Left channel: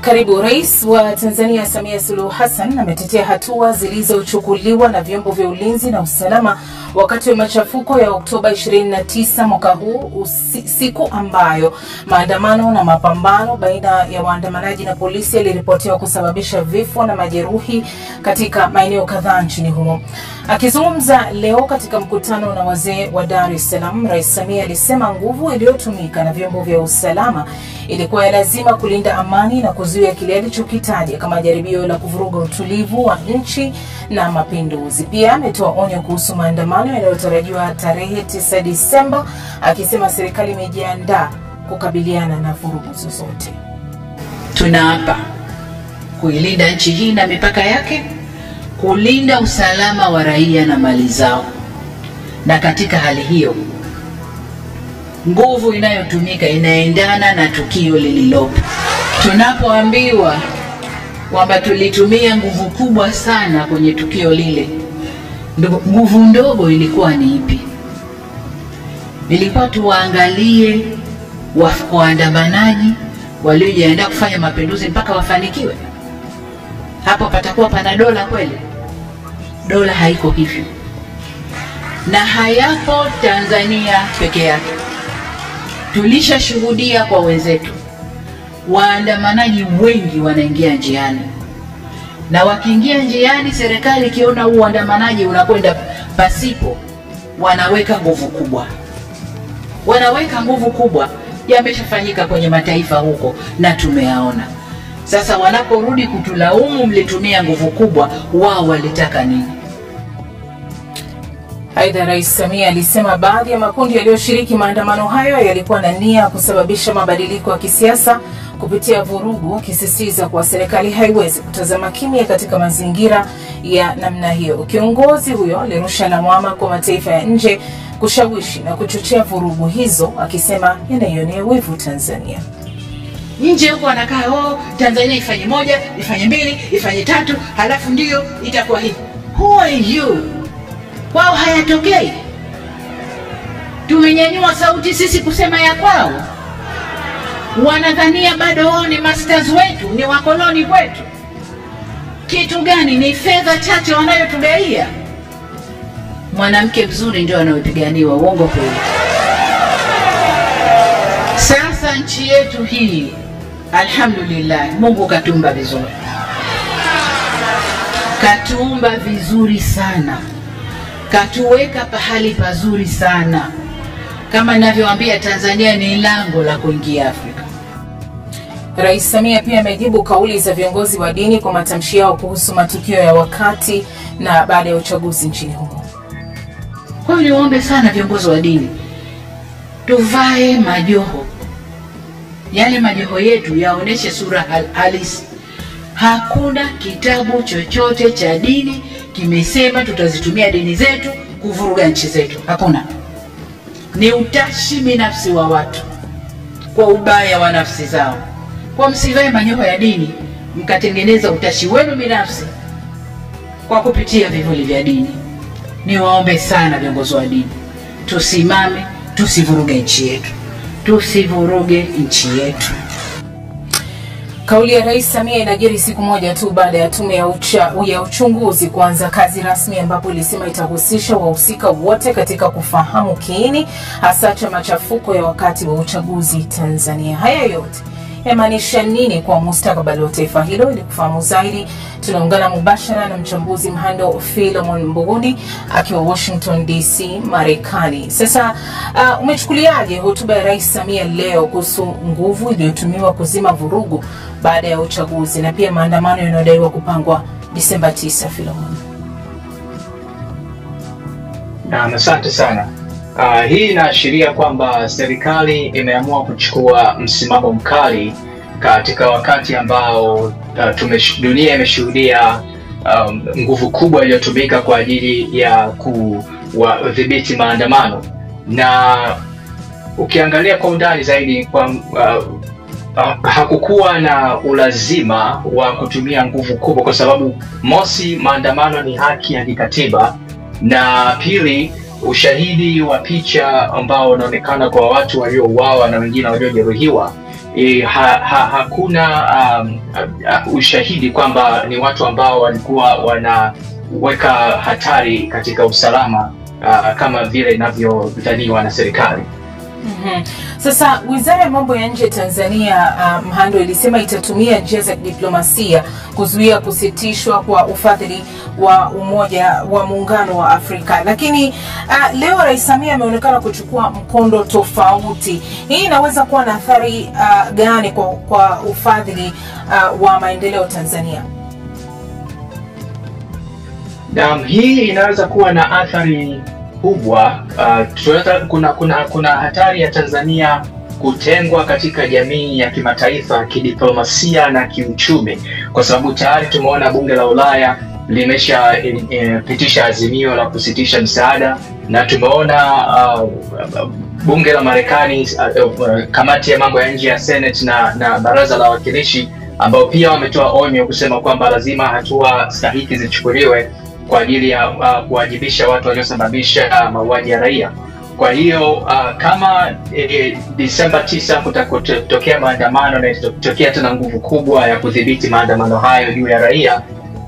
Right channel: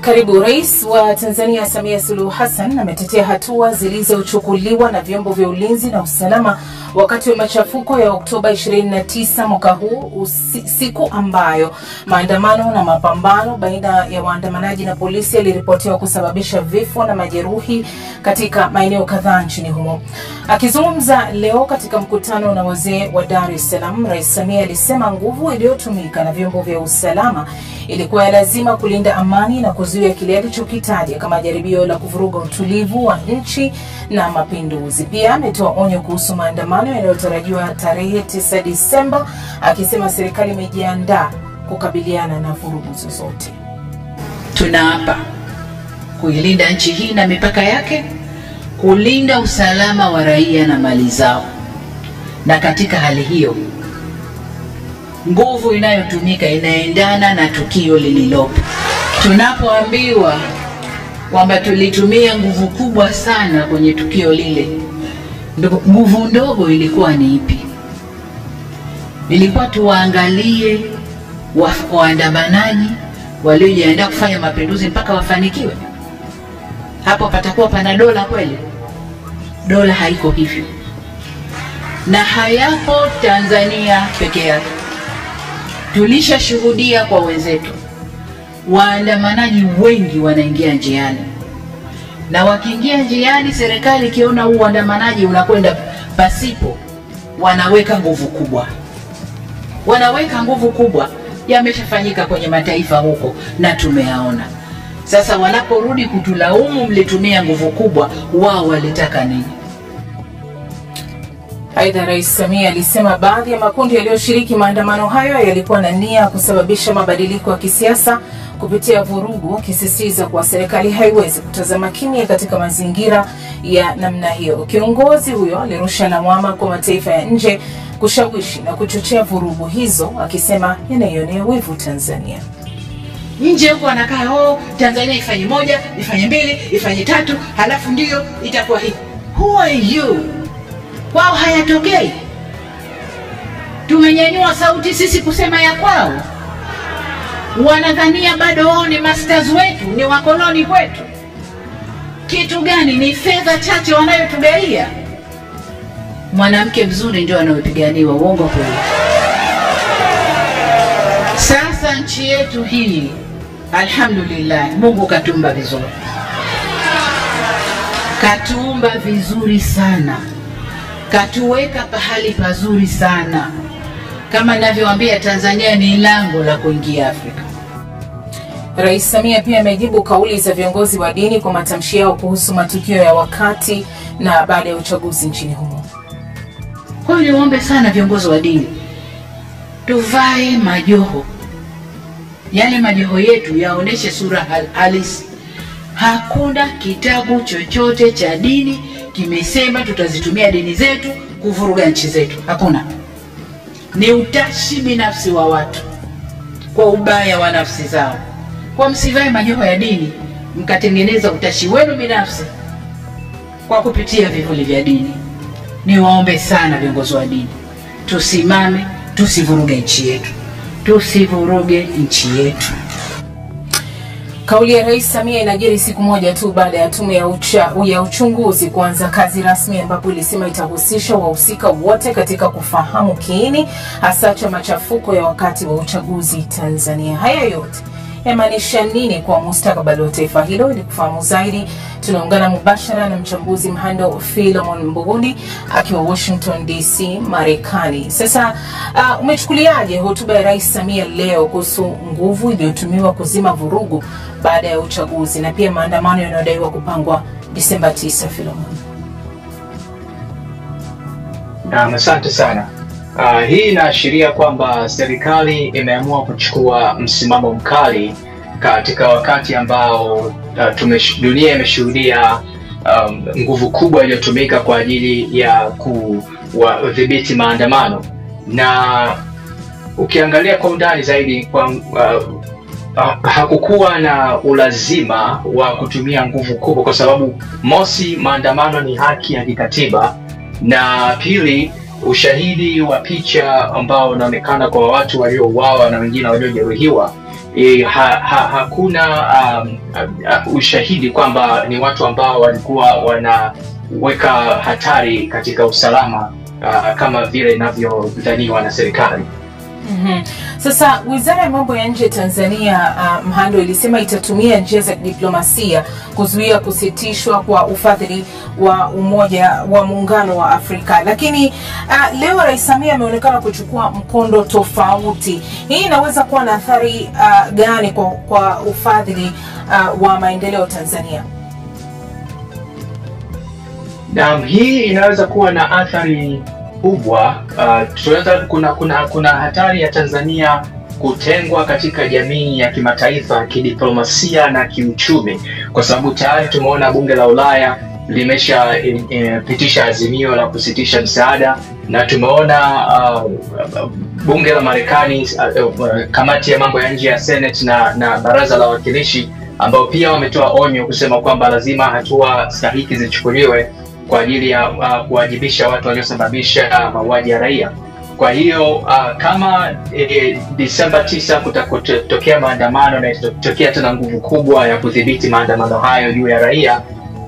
Karibu. Rais wa Tanzania Samia Suluhu Hassan ametetea hatua zilizochukuliwa na vyombo vya ulinzi na usalama wakati wa machafuko ya Oktoba 29 mwaka huu, siku ambayo maandamano na mapambano baina ya waandamanaji na polisi yaliripotiwa kusababisha vifo na majeruhi katika maeneo kadhaa nchini humo. Akizungumza leo katika mkutano na wazee wa Dar es Salaam, Rais Samia alisema nguvu iliyotumika na vyombo vya usalama ilikuwa ya lazima kulinda amani na kuzuia kile alichokitaja kama jaribio la kuvuruga utulivu wa nchi na mapinduzi. Pia ametoa onyo kuhusu maandamano yanayotarajiwa tarehe 9 Disemba, akisema serikali imejiandaa kukabiliana na vurugu zozote. Tunaapa kuilinda nchi hii na mipaka yake, kulinda usalama wa raia na mali zao. Na katika hali hiyo, nguvu inayotumika inaendana na tukio lililopo. Tunapoambiwa kwamba tulitumia nguvu kubwa sana kwenye tukio lile, nguvu ndogo ilikuwa ni ipi? Ilikuwa tuwaangalie waandamanaji waliojiandaa kufanya mapinduzi mpaka wafanikiwe? Hapo patakuwa pana dola kweli? Dola haiko hivyo. Na hayapo Tanzania peke yake. Tulishashuhudia kwa wenzetu, waandamanaji wengi wanaingia njiani. Na wakiingia njiani, serikali ikiona uandamanaji unakwenda pasipo, wanaweka nguvu kubwa. Wanaweka nguvu kubwa. Yameshafanyika kwenye mataifa huko na tumeyaona. Sasa wanaporudi kutulaumu mlitumia nguvu kubwa, wao walitaka nini? Aidha, Rais Samia alisema baadhi ya makundi yaliyoshiriki maandamano hayo yalikuwa na nia kusababisha mabadiliko ya kisiasa kupitia vurugu, akisisitiza kuwa serikali haiwezi kutazama kimya katika mazingira ya namna hiyo. Kiongozi huyo alirusha lawama kwa mataifa ya nje kushawishi na kuchochea vurugu hizo, akisema yanaionea wivu Tanzania. Nje huko wanakaa, Tanzania ifanye moja, ifanye mbili, ifanye tatu, halafu ndio itakuwa hivi. Who are you? Kwao hayatokei. Tumenyanyua sauti sisi kusema ya kwao. Wanadhania bado wao ni masters wetu, ni wakoloni kwetu. Kitu gani? Ni fedha chache wanayotugaia. Mwanamke mzuri ndio anayopiganiwa, uongo kweli? Sasa nchi yetu hii, alhamdulillah, Mungu katumba vizuri. Katumba vizuri sana. Katuweka pahali pazuri sana. Kama ninavyowaambia, Tanzania ni lango la kuingia Afrika. Rais Samia pia amejibu kauli za viongozi wa dini kwa matamshi yao kuhusu matukio ya wakati na baada ya uchaguzi nchini humo. Kwa hiyo niombe sana viongozi wa dini, tuvae majoho. Yale majoho yetu yaoneshe sura halisi. Hakuna kitabu chochote cha dini kimesema tutazitumia dini zetu kuvuruga nchi zetu. Hakuna. Ni utashi binafsi wa watu kwa ubaya wa nafsi zao. Kwa msivae majoho ya dini mkatengeneza utashi wenu binafsi kwa kupitia vivuli vya dini. Niwaombe sana viongozi wa dini, tusimame, tusivuruge nchi yetu. Tusivuruge nchi yetu. Kauli ya Rais Samia inajiri siku moja tu baada ya tume ya uchunguzi kuanza kazi rasmi, ambapo ilisema itahusisha wahusika wote katika kufahamu kiini hasa cha machafuko ya wakati wa uchaguzi Tanzania. Haya yote yamaanisha nini kwa mustakabali wa taifa hilo? Ili kufahamu zaidi, tunaungana mubashara na mchambuzi Mhando Philemon Mbuguni akiwa Washington DC, Marekani. Sasa umechukuliaje hotuba ya Rais Samia leo kuhusu nguvu iliyotumiwa kuzima vurugu baada ya uchaguzi na pia maandamano yanayodaiwa kupangwa Disemba 9, Philemon? Asante sana. Hii inaashiria kwamba serikali imeamua kuchukua msimamo mkali katika wakati ambao dunia imeshuhudia nguvu kubwa iliyotumika kwa ajili ya kudhibiti maandamano. Na ukiangalia kwa undani zaidi, hakukuwa na ulazima wa kutumia nguvu kubwa, kwa sababu mosi, maandamano ni haki ya kikatiba, na pili, ushahidi wa picha ambao unaonekana kwa watu waliouawa na wengine waliojeruhiwa, hakuna ushahidi kwamba ni watu ambao walikuwa wanaweka hatari katika usalama kama vile inavyodhaniwa na serikali. Sasa Wizara ya Mambo ya Nje Tanzania Mhando ilisema itatumia njia za diplomasia kuzuia kusitishwa kwa ufadhili wa Umoja wa Muungano wa Afrika. Lakini leo Rais Samia ameonekana kuchukua mkondo tofauti. Hii inaweza kuwa na athari gani kwa ufadhili wa maendeleo Tanzania? Hii inaweza kuwa na athari kubwa. Kuna hatari ya Tanzania kutengwa katika jamii ya kimataifa kidiplomasia na kiuchumi, kwa sababu tayari tumeona bunge la Ulaya limesha pitisha azimio la kusitisha msaada, na tumeona bunge la Marekani, kamati ya mambo ya nje ya Senate na baraza la wawakilishi ambao pia wametoa onyo kusema kwamba lazima hatua stahiki zichukuliwe kwa ajili ya kuwajibisha watu waliosababisha mauaji ya raia. Kwa hiyo kama Disemba 9 kutakotokea maandamano na itatokea tena nguvu kubwa ya kudhibiti maandamano hayo juu ya raia,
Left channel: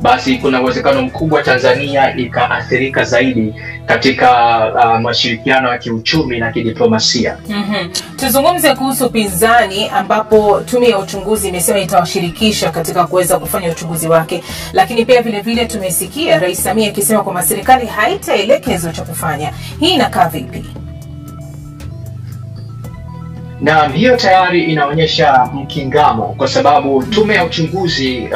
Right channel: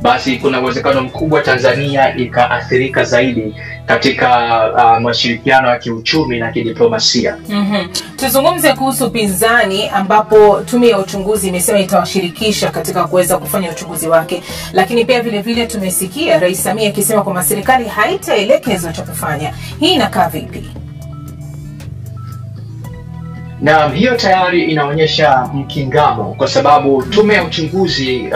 basi kuna uwezekano mkubwa Tanzania ikaathirika zaidi katika mashirikiano ya kiuchumi na kidiplomasia. Tuzungumze kuhusu pinzani, ambapo tume ya uchunguzi imesema itawashirikisha katika kuweza kufanya uchunguzi wake. Lakini pia vile vile tumesikia Rais Samia akisema kwamba serikali haitaelekezwa cha kufanya. Hii inakaa vipi? Na hiyo tayari inaonyesha mkingamo, kwa sababu tume ya uchunguzi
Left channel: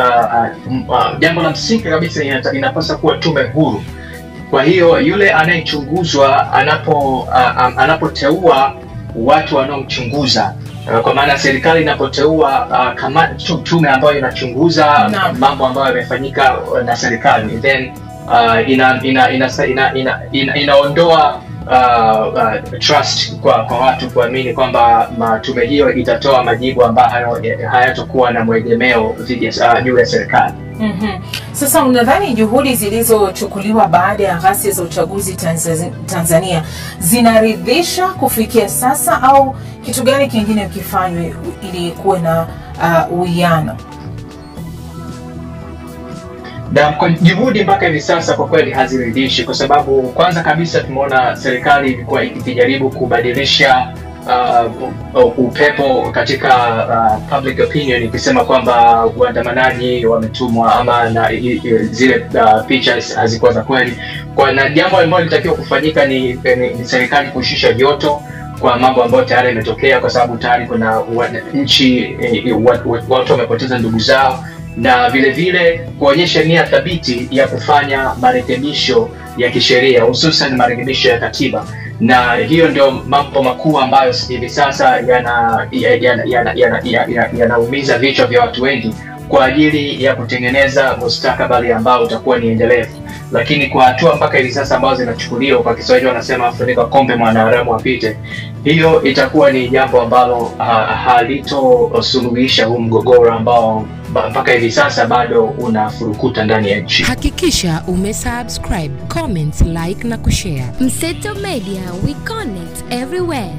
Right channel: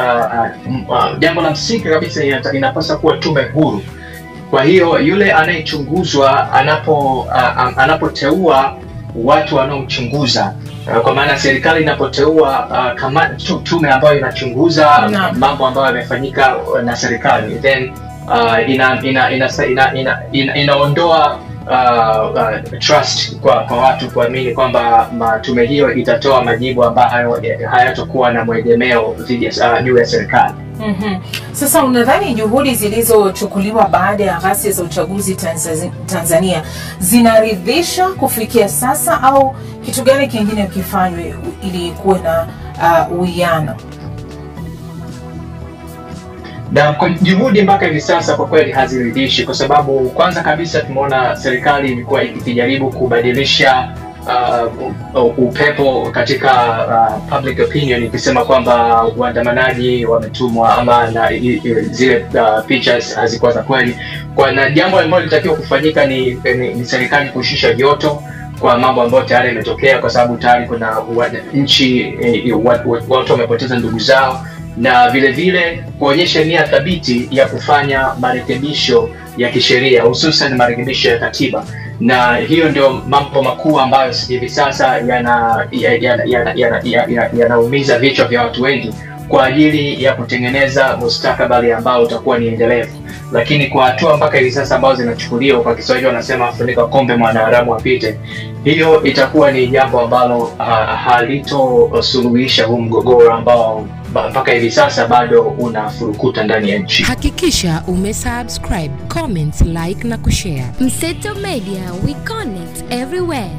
jambo la msingi kabisa inapaswa kuwa tume huru. Kwa hiyo yule anayechunguzwa anapoteua watu wanaomchunguza, kwa maana serikali inapoteua tume ambayo inachunguza mambo ambayo yamefanyika na serikali, then inaondoa trust kwa watu kuamini kwamba tume hiyo itatoa majibu ambayo hayatakuwa na mwegemeo juu ya serikali. Sasa unadhani juhudi zilizochukuliwa baada ya ghasia za uchaguzi Tanzania zinaridhisha kufikia sasa, au kitu gani kingine ukifanywe ili kuwe na uwiano? Kwa juhudi mpaka hivi sasa kwa kweli haziridhishi, kwa sababu kwanza kabisa tumeona serikali ilikuwa ikijaribu kubadilisha upepo katika public opinion, ikisema kwamba waandamanaji wametumwa ama na zile pictures hazikuwa za kweli. Na jambo ambalo litakiwa kufanyika ni serikali kushusha joto kwa mambo ambayo tayari yametokea, kwa sababu tayari kuna watu wamepoteza ndugu zao, na vile vile kuonyesha nia thabiti ya kufanya marekebisho ya kisheria, hususan marekebisho ya katiba. Na hiyo ndio mambo makuu ambayo hivi sasa yanaumiza vichwa vya watu wengi kwa ajili ya kutengeneza mustakabali ambao utakuwa ni endelevu. Lakini kwa hatua mpaka hivi sasa ambazo zinachukuliwa, kwa Kiswahili wanasema funika kombe mwanaharamu apite, hiyo itakuwa ni jambo ambalo halitosuluhisha huu mgogoro ambao mpaka hivi sasa bado unafurukuta ndani ya nchi. Hakikisha umesubscribe, comment, like na kushare. Mseto Media, we connect everywhere.